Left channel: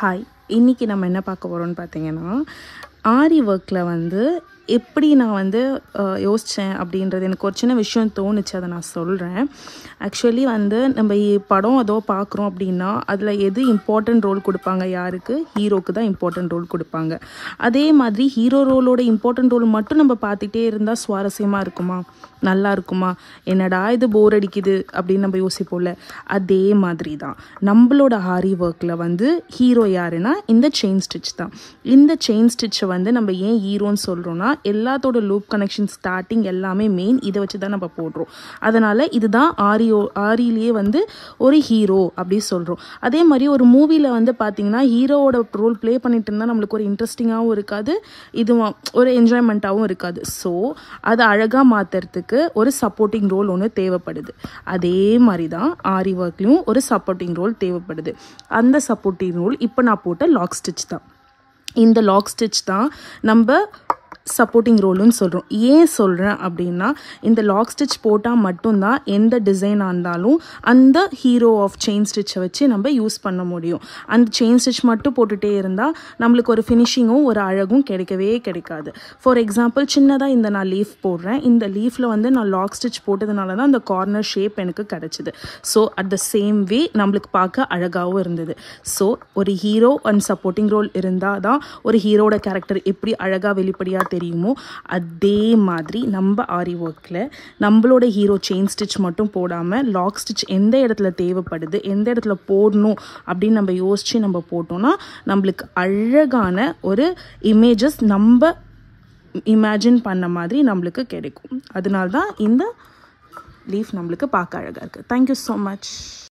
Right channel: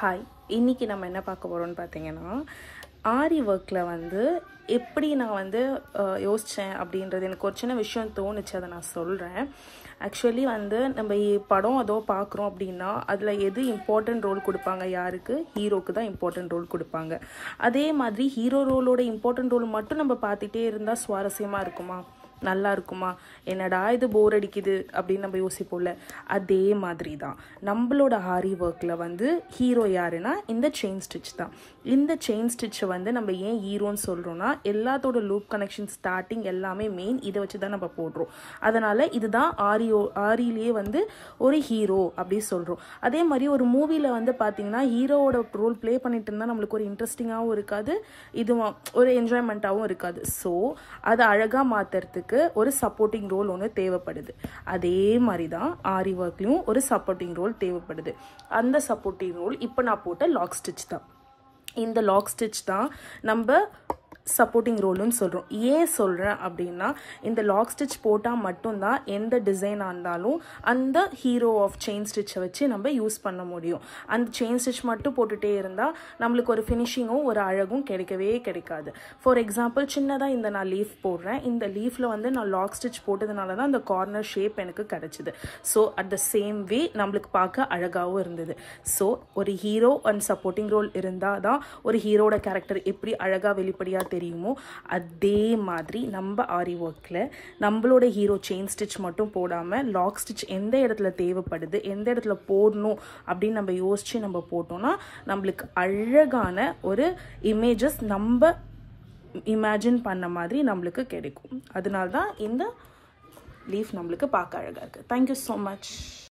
Hi, இன்றைக்கி நம்ம என்ன பார்க்க போகிறோம்னு பார்த்தீங்கன்னா, ஆரி ஒர்க்கில் வந்து எப்படி நான் வந்து யோசித்தேன் அப்படின்றது எனக்கு ஒரு சின்ன விஷயம் தோணுச்சு. அதை நான் சொல்கிறேன். ஆக்சுவலி வந்து நம்ம படம் ஏதோ பார்க்குறோம் அப்படின்னா அதில் எது இம்பார்ட்டன்ட் ரோல் கொடுப்பாங்க, யாருக்கு? ஹீரோக்கு தான் இம்பார்ட்டன்ட் ரோல் கொடுப்பாங்க. அதே மாதிரி ஹீரோ ரோலோட இம்பார்ட்டன்ட் ரோல் மட்டும் நம்ம பார்த்துட்டே இருந்தால் சுவாரஸ்யமாக இருக்குமா, நல்லா இருக்குமா, என்னடா இது போர் அடிக்குது அப்படின்னு நம்ம யோசிப்போம்ல. அதே மாதிரி தான் நம்மளோட ஆரி ஒர்க்கில் வந்து ஹீரோ யாருன்னா இந்த செயின் ஸ்டிச் தான். இந்த செயின் ஸ்டிச்சை வந்து நம்ம ஏன் ஹீரோன்னு சொல்கிறோன்னா, எல்லாத்தோட லூப் கனெக்ஷன் ஸ்டார்டிங் எல்லாமே மெயின் இதை வச்சு தான் நம்ம போடுறோம். அதனால் இதுதான் ஆரியிலேயே வந்து ஒரு ஹீரோ அப்படி சொல்கிறோம். அதே மாதிரி ஒரு மூவியில் வந்து பார்த்திங்கன்னா ஹீரோவோட ரோல் ப்ளே பண்ணிட்டு இருந்தால் நம்மளுக்கு ஒரு இன்ட்ரெஸ்டிங்காகவும் இருக்காது, இதுவும் ஒரு என்ஜாய்மெண்ட்டாகவும் இருக்காது. ஸோ அதை அழகாக மாற்றுறதுக்கு ஒரு சப்போர்ட்டிங் ரோல் ஒன்று தேவைப்படுது. அதே மாதிரி தான் ஆரி ஒர்க்லையும் ஒரு சப்போர்ட்டிங் ரோல் தேவைப்படுது. அந்த சப்போர்ட்டிங் ரோல் இப்போ நான் போட்ட லாக் ஸ்டிச் தான். இந்த லாக் ஸ்டிச் தான் நம்ம சப்போர்ட்டிங் ரோலுன்னு சொல்கிறோம். ஏன் சொல்கிறேன் அப்படின்னா, இந்த லாக் ஸ்டிச் போட்டால் மட்டும்தான் எந்த டிசைனாக இருந்தாலும் அந்த ஹீரோ ஆஃப் செயின் ஸ்டிச்சை வச்சு நம்ம யூஸ் பண்ண முடியும். அந்த செயின் ஸ்டிச் மட்டும் போட்டுகிட்டே இருந்தால் நம்மளுக்கு ஒரு ஃபினிஷிங்கும் ஒரு அழகும் கிடைக்கவே கிடைக்காது. ஃபார் எக்ஸாம்பிள், சின்னதாக இந்த நான் லீஃப் போடுறேன். இந்த லீஃபில் வந்து நான் லாக் ஸ்டிச் போட்டதுனால தான் அந்த கார்னர் ஷேப் எனக்கு கிடச்சிது. So at the same way நம்மளுக்கு பார்க்க அழகாகவும் இருந்தது. ஸோ ஒரு ஹீரோ அண்ட் சப்போர்ட்டிங் ரோல் இருந்தால் தான் ஒரு ஹீரோட கேரக்டர் எப்படி அழகாக வெளிப்படையாக தெரியுமோ, அதே மாதிரி நம்ம ஆரி ஒர்க்கில் நம்மளோட ஹீரோ செயின் ஸ்டிச் மட்டும் போடாமல் லாக் ஸ்டிச் எந்த இடத்துல தேவைப்படுது, எந்த இடத்துல போடணும் அப்படின்னு நம்ம யோசித்து நம்ம போட்டோம்னா நம்மளுக்கு அழகான ஒரு இமேஜஸ் நம்ம இமேஜின் பண்ண மாதிரி நம்மளுக்கு கிடைக்கும். அதனால தான் இந்த லீஃப் நம்மளுக்கு பார்க்க அழகாக இருக்குது. Thank you so much.